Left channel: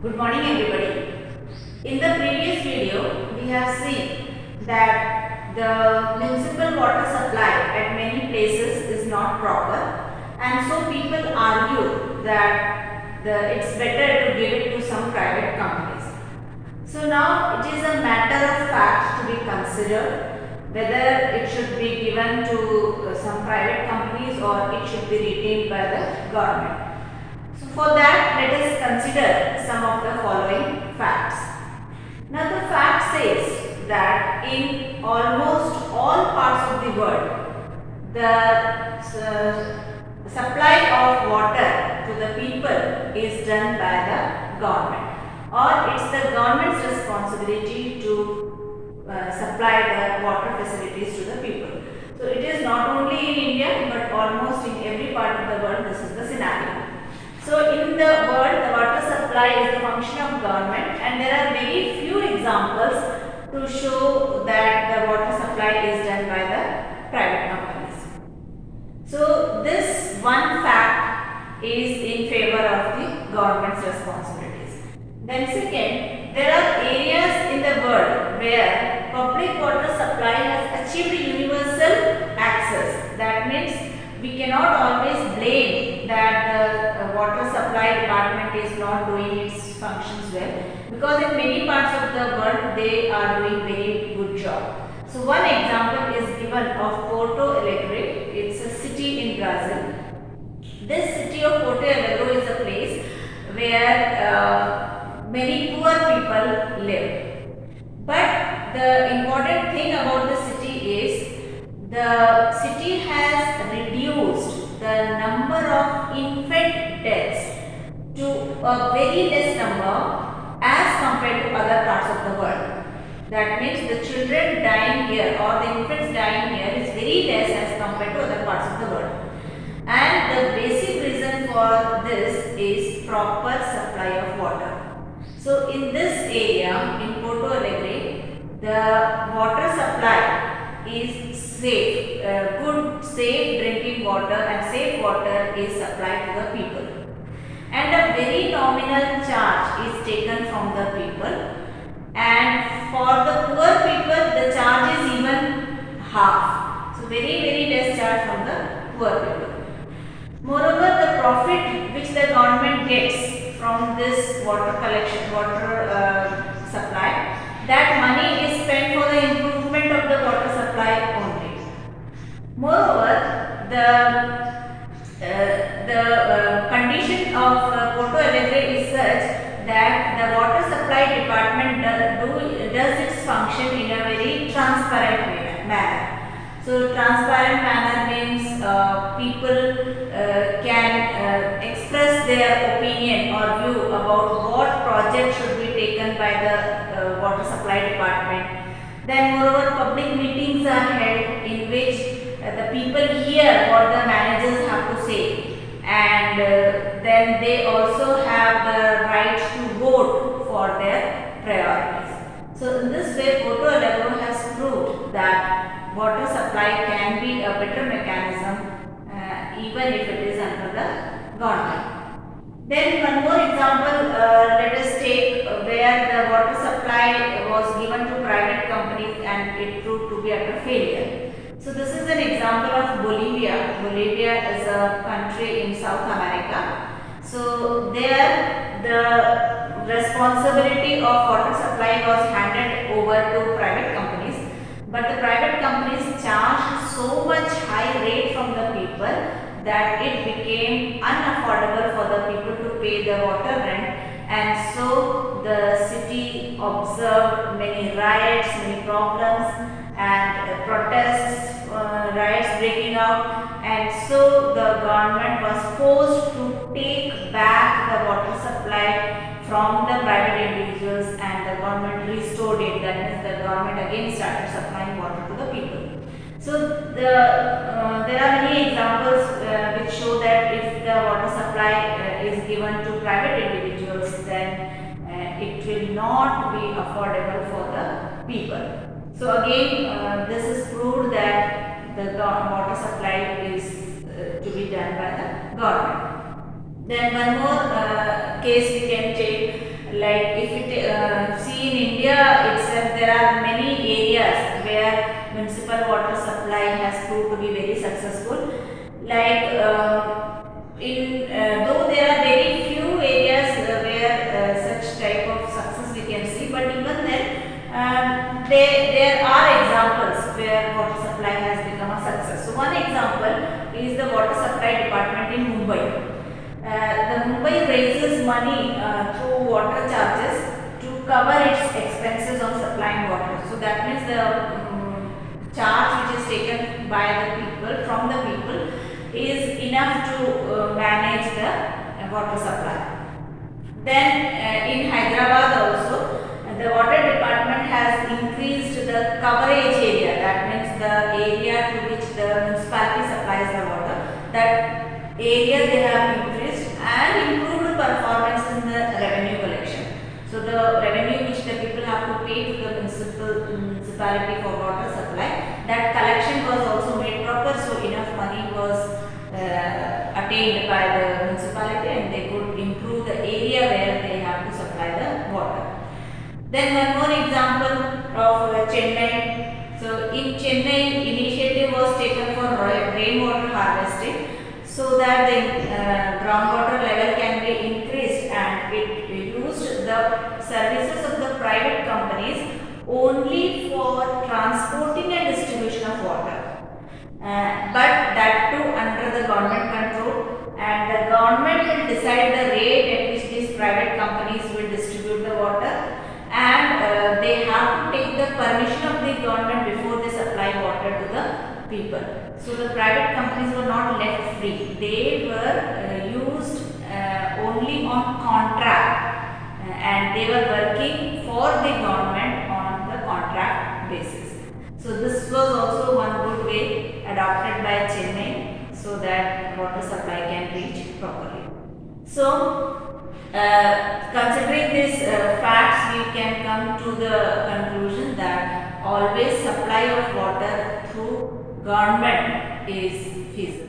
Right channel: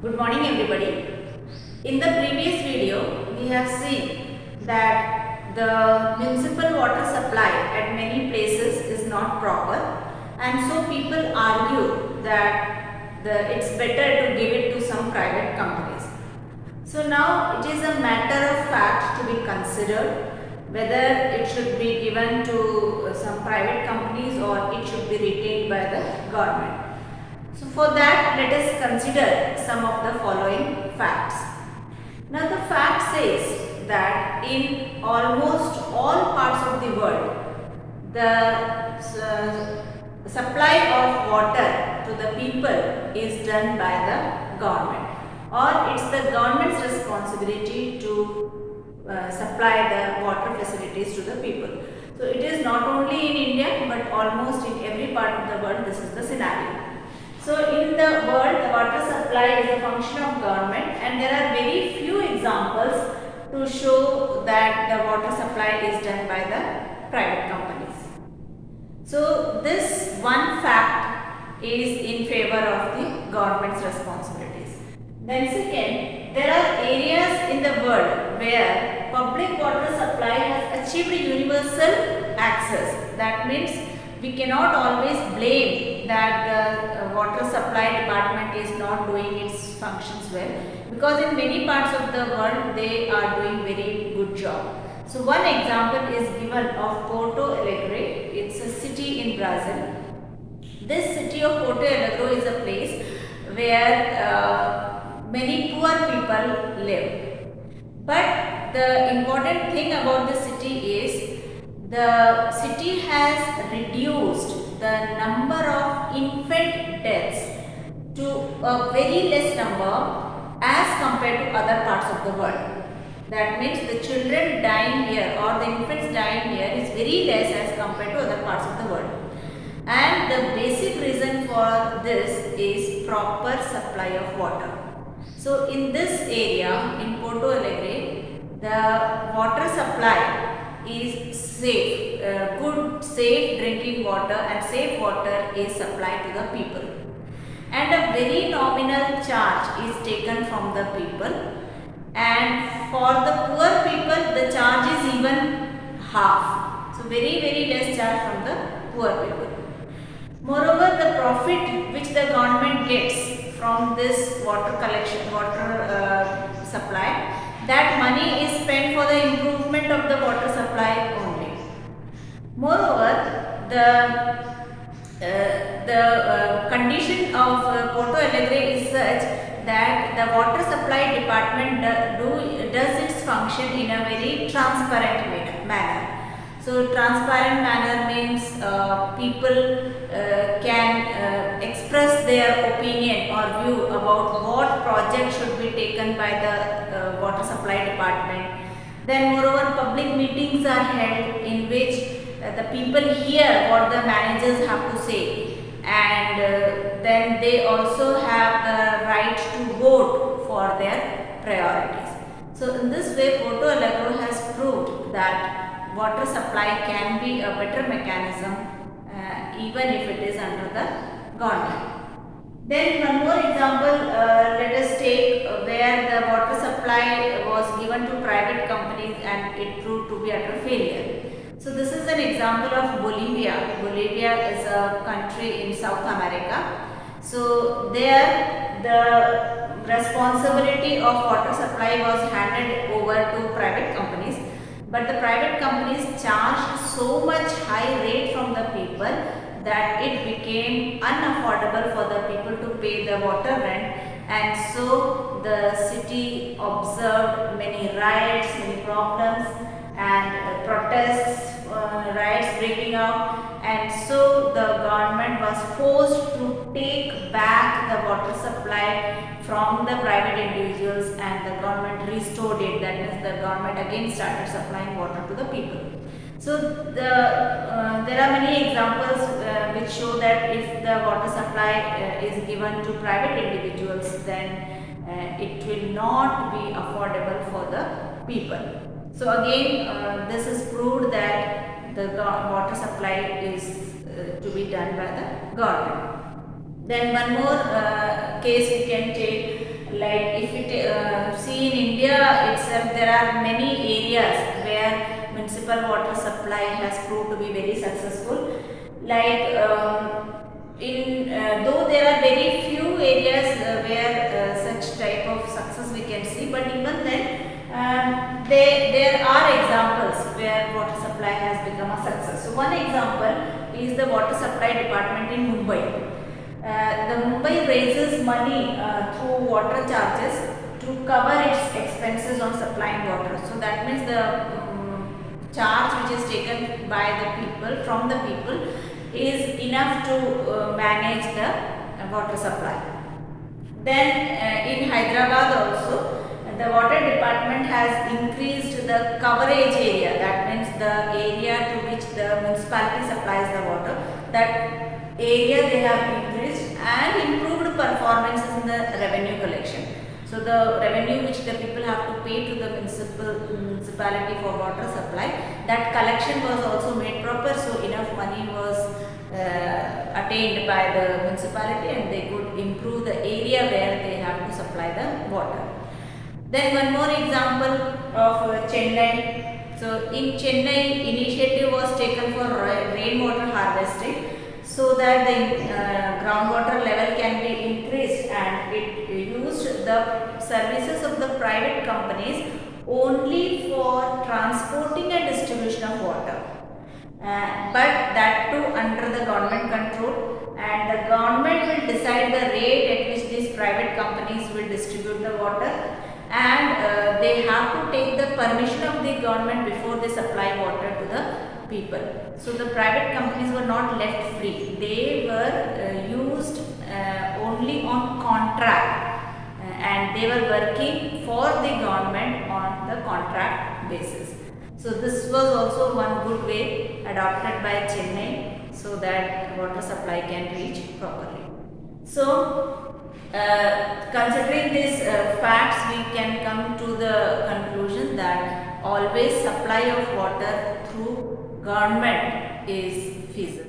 Good morning everybody. In the previous video, we have seen that the municipal water supply at many places is not proper, and so people argue that it's better to give it to some private companies. So now it is a matter of fact to be considered whether it should be given to some private companies or it should be retained by the government. So for that, let us consider some of the following facts. Now the fact says that in almost all parts of the world, the supply of water to the people is done by the government, or it's the government's responsibility to supply the water facilities to the people. So it is not only in India but almost in every part of the world this is the scenario. So in the world, the water supply is a function of government, and there are very few examples to show that the water supply is done by the private companies. So this one fact is in favor of the government's responsibilities. Then second, there are areas in the world where public water supply has achieved universal access. That means we cannot always blame that the water supply department is not doing its functions well, because in many parts of the world they are doing very good job. So one example is given of Porto Alegre. It's a city in Brazil. This city of Porto Alegre is a place where many poor people live. But the important thing about the city is the city has reduced the number of infant deaths to a very less number as compared to other parts of the world. That means the children dying here or the infants dying here is very less as compared to other parts of the world. And the basic reason for this is proper supply of water. So in this area in Porto Alegre, the water supply is safe, good safe drinking water and safe water is supplied to the people, and a very nominal charge is taken from the people, and for the poor people the charge is even half. So very less charge from the poor people. Moreover, the profit which the government gets from this water collection, supply, that money is spent for the improvement of the water supply only. Moreover, the condition of Porto Alegre is such that the water supply department does its function in a very transparent manner. So transparent manner means people can express their opinion or view about what project should be taken by the water supply department. Then moreover, public meetings are held in which the people hear what the managers have to say, and then they also have the right to vote for their priorities. So in this way, Porto Alegre has proved that water supply can be a better mechanism even if it is under the government. Then one more example, let us take where the water supply was given to private companies and it proved to be utter failure. So this is an example of Bolivia. Bolivia is a country in South America. So there the responsibility of water supply was handed over to private companies, but the private companies charged so much high rate from the people that it became unaffordable for the people to pay the water rent, and so the city observed many riots, many problems and protests, riots breaking out, and so the government was forced to take back the water supply from the private individuals, and the government restored it. That means the government again started supplying water to the people. So there are many examples which show that if the water supply is given to private individuals, then it will not be affordable for the people. So again, this is proved that the water supply is to be done by the government. Then one more case we can take Like if you see in India itself, there are many areas where municipal water supply has proved to be very successful. Like in though there are very few areas where such type of success we can see, but even then there are examples where water supply has become a success. So one example is the water supply department in Mumbai. The Mumbai raises money through water charges to cover its expenses on supplying water. So that means the charge which is taken by the people from the people is enough to manage the water supply. Then in Hyderabad also, the water department has increased the coverage area. That means the area to which the municipality supplies the water. That area they have increased and improved performance in the revenue collection. So the revenue which the people have to pay to the municipality for water supply, that collection was also made proper. So enough money was attained by the municipality and they could improve the area where they have to supply the water. Then one more example of Chennai. So in Chennai, initiative was taken for rainwater harvesting so that the groundwater level can be increased, and it used the services of the private companies only for transporting and distribution of water. But that too under the government control, and the government will decide the rate at which these private companies will distribute the water, and they have to take the permission of the government before they supply water to the people. So the private companies were not left free. They were used only on contract, and they were working for the government on the contract basis. So this was also one good way adopted by Chennai so that water supply can reach properly. So considering these facts, we can come to the conclusion that always supply of water through government is feasible.